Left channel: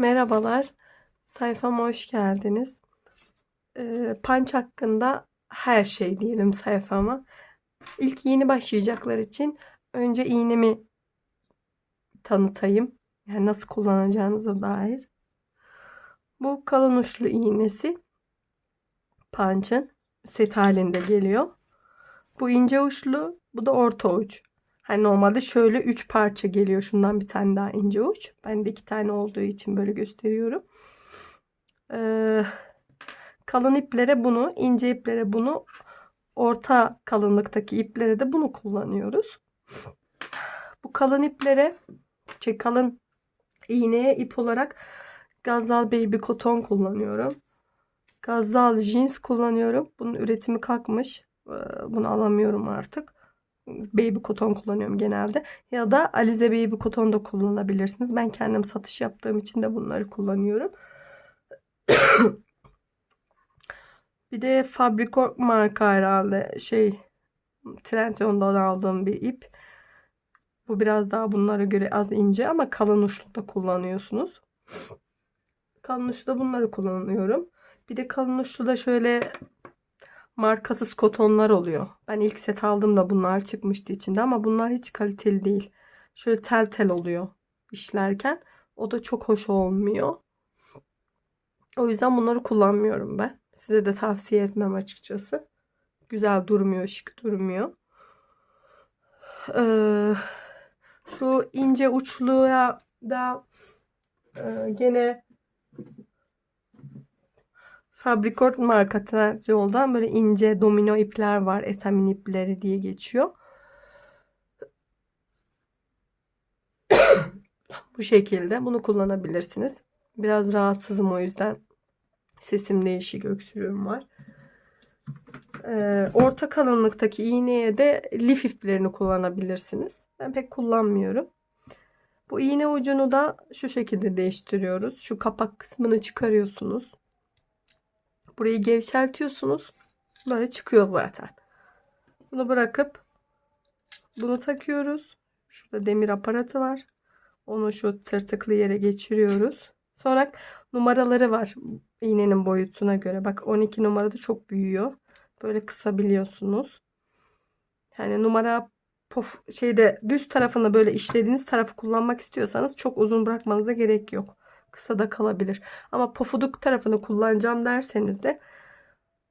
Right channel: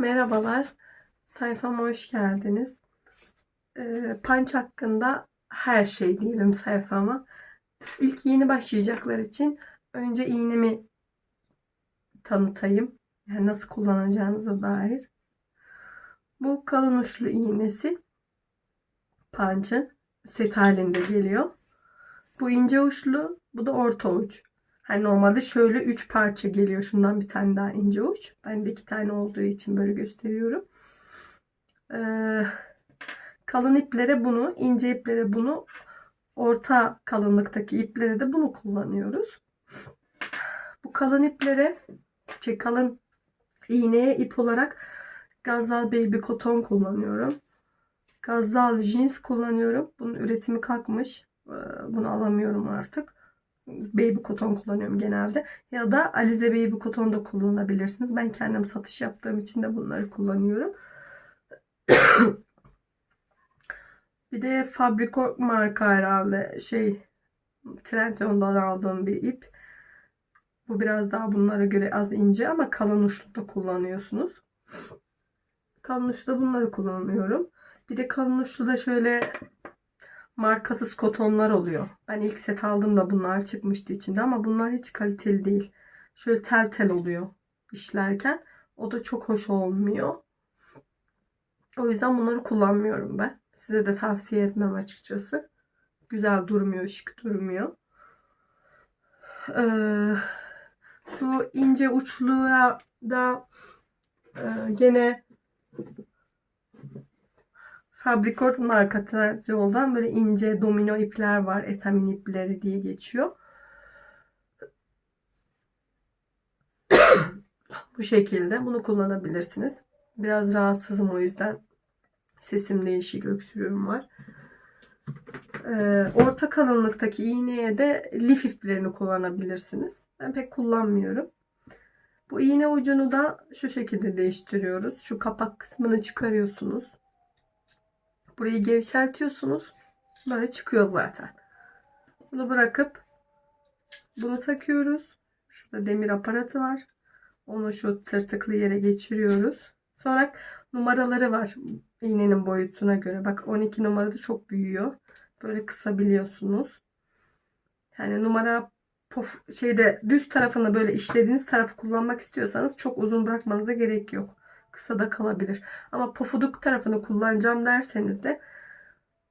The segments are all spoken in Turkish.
Merhabalar, sayfama hoş geldiniz. Ee, Punch hakkında her şey diyelim sayfama. İlk yeni başlayacaklar için önce iğnemi tanıtayım. Yani nasıl kullanacağınıza dair. Bu kalın uçlu iğnesi Punch'ın set halinde geliyor. Bu ince uçlu, bu da orta uç. Hani normalde şöyle 3 parça geliyor. Şundan bir tane daha ince uç. Ben de 2 tane olduğu için böyle gösteriyorum. Ee, kalın iplere bunu, ince iplere bunu, orta kalınlıktaki iplere de bunu kullanıyoruz. Bu kalın iplere, şey kalın iğneye ip olarak Gazal Baby Cotton kullanıyorum. Gazal Jeans kullanıyorum. Bunun üretimi kalkmış. Ee, Bunu alamıyorum artık baby koton kullanıyorum genelde. Ya da Alize baby koton da kullanabilirsiniz. Ben kendim satış yaptığım için de bunları kullanıyorum. bir de Fabrico marka herhalde şey Trendyol'dan aldığım bir ip. Bu biraz daha bunlara göre az ince ama kalın uçlu da kullanıyorsunuz. Kalın uçlu da bunları kullanıyorum. Bir de kalın uçlu da şöyle markasız kotonlar oluyor. Ben ilk set aldığımda bunlar çıkmıştı içinde ama bunlar hiç kaliteli değil. Şöyle tel tel oluyor işlerken. O da çok hoş olmuyor. O yüzden bunları kullanmıyorum ben. Size de tavsiye etmem açıkçası. Güzel durmuyor, şık durmuyor. Ee, şu ince uçluya da e, gene Fabricort marka Trendyol'dan böyle ince domino ipler var. Etamin ipleri diye geçiyor. Bu şekilde bunu kullanabilirsiniz. Biraz rahatsızım o yüzden sesim değişik öksürüğüm var. Ee, orta kalınlıktaki iğneye de lif iplerini kullanabilirsiniz. Ben pek kullanmıyorum. Bu iğne ucunu da şu şekilde değiştiriyoruz. Şu kapak kısmını çıkarıyorsunuz. Burayı gevşertiyorsunuz. Böyle çıkıyor zaten. Bunu bırakıp bunu takıyoruz. Şurada demir aparatı var. Onu şu tırtıklı yere geçiriyoruz. Sonra numaraları var iğnenin boyutuna göre. Bak 12 numarada çok büyüyor. Böyle kısabiliyorsunuz. Yani numara pof, şeyde düz tarafını böyle işlediğiniz tarafı kullanmak istiyorsanız çok uzun bırakmanıza gerek yok kısa da kalabilir. Ama pofuduk tarafını kullanacağım derseniz de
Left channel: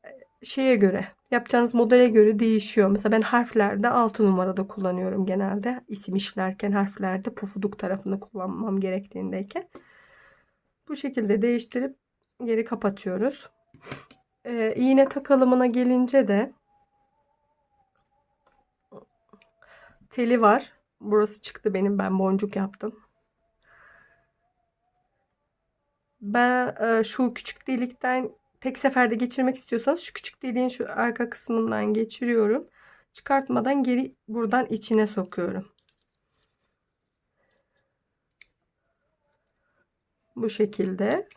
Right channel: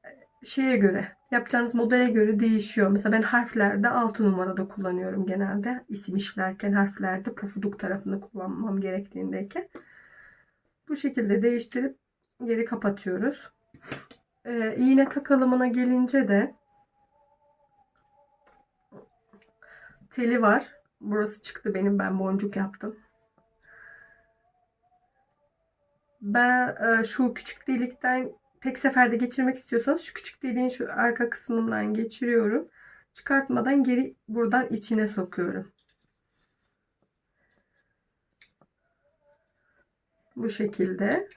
e, şeye göre yapacağınız modele göre değişiyor. Mesela ben harflerde 6 numarada kullanıyorum genelde. İsim işlerken harflerde pofuduk tarafını kullanmam gerektiğindeyken. Bu şekilde değiştirip geri kapatıyoruz. Ee, iğne takalımına gelince de teli var. Burası çıktı benim. Ben boncuk yaptım. Ben e, şu küçük delikten tek seferde geçirmek istiyorsanız şu küçük deliğin şu arka kısmından geçiriyorum. Çıkartmadan geri buradan içine sokuyorum. Bu şekilde.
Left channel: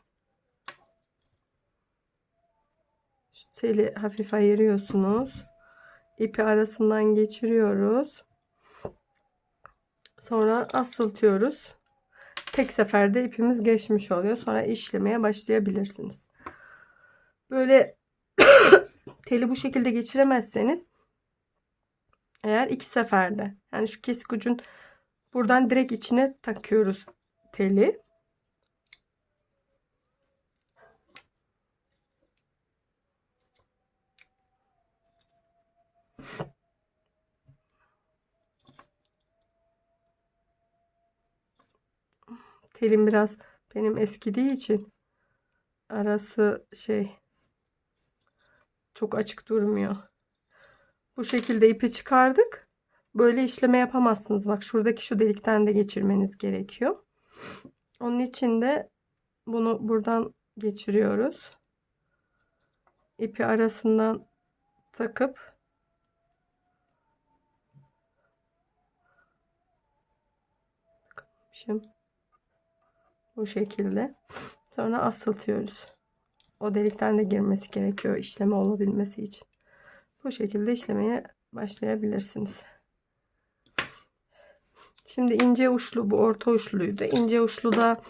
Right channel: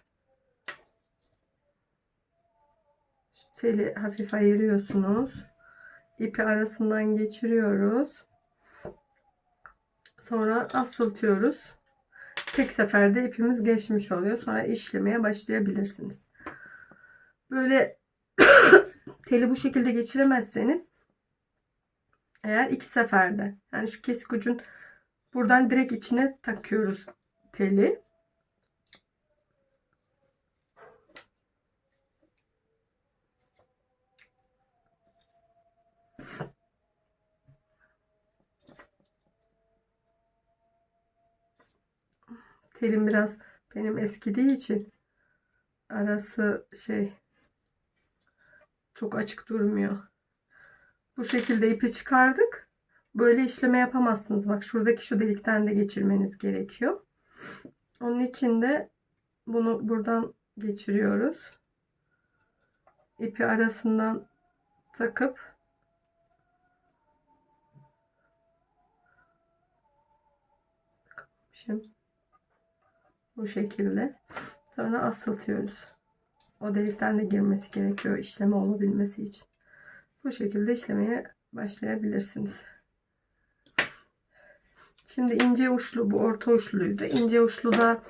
Teli hafif ayırıyorsunuz. İpi arasından geçiriyoruz. Sonra asıltıyoruz tek seferde ipimiz geçmiş oluyor. Sonra işlemeye başlayabilirsiniz. Böyle teli bu şekilde geçiremezseniz eğer iki seferde yani şu kesik ucun buradan direkt içine takıyoruz teli. Telim biraz benim eskidiği için arası şey çok açık durmuyor. Bu şekilde ipi çıkardık. Böyle işleme yapamazsınız. Bak şuradaki şu delikten de geçirmeniz gerekiyor. Onun için de bunu buradan geçiriyoruz. İpi arasından takıp Şimdi bu şekilde. Sonra asıltıyoruz. O delikten de girmesi gerekiyor işleme olabilmesi için. Bu şekilde işlemeye başlayabilirsiniz. Şimdi ince uçlu bu orta uçluydu. İnce uçlu da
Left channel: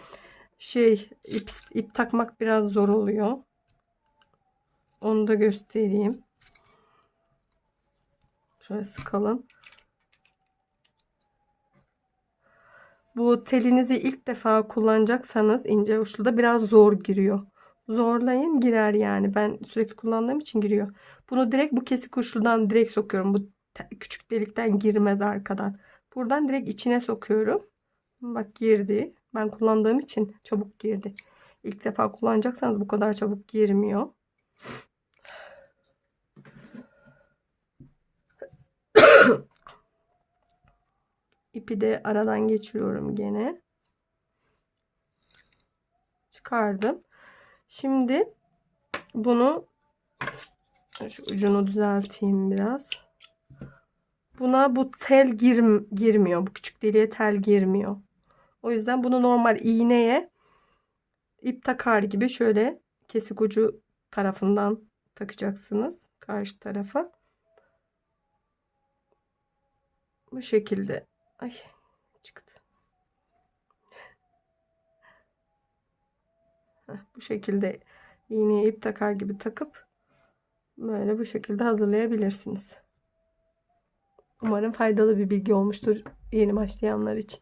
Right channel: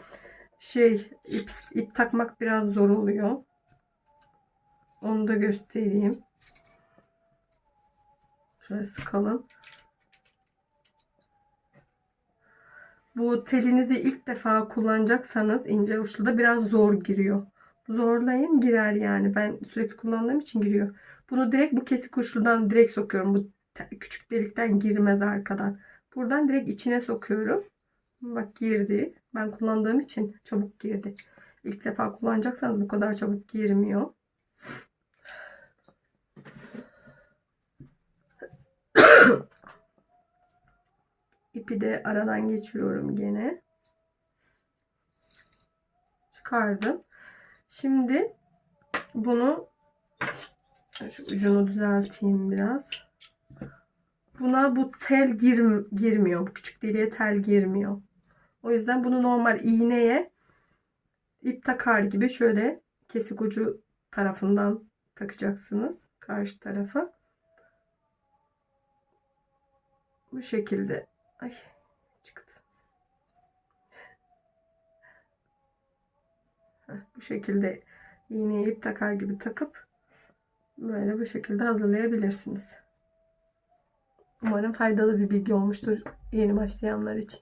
şey ip, ip takmak biraz zor oluyor. Onu da göstereyim. Şöyle sıkalım. Bu telinizi ilk defa kullanacaksanız ince uçlu da biraz zor giriyor. Zorlayın girer yani. Ben sürekli kullandığım için giriyor. Bunu direkt bu kesik uçludan direkt sokuyorum. Bu küçük delikten girmez arkadan. Buradan direkt içine sokuyorum. Bak girdi. Ben kullandığım için çabuk girdi. İlk defa kullanacaksanız bu kadar çabuk girmiyor. İpi de aradan geçiriyorum gene. Çıkardım. Şimdi bunu şu ucunu düzelteyim biraz. Buna bu tel gir, girmiyor. Bu küçük deliğe tel girmiyor. O yüzden bunu normal iğneye ip takar gibi şöyle kesik ucu tarafından takacaksınız. Karşı tarafa. Bu şekilde. Ay çıktı. Heh, bu şekilde iğneye ip takar gibi takıp böyle bu şekilde hazırlayabilirsiniz. Umarım faydalı bir bilgi olmuştur yeni başlayanlar için.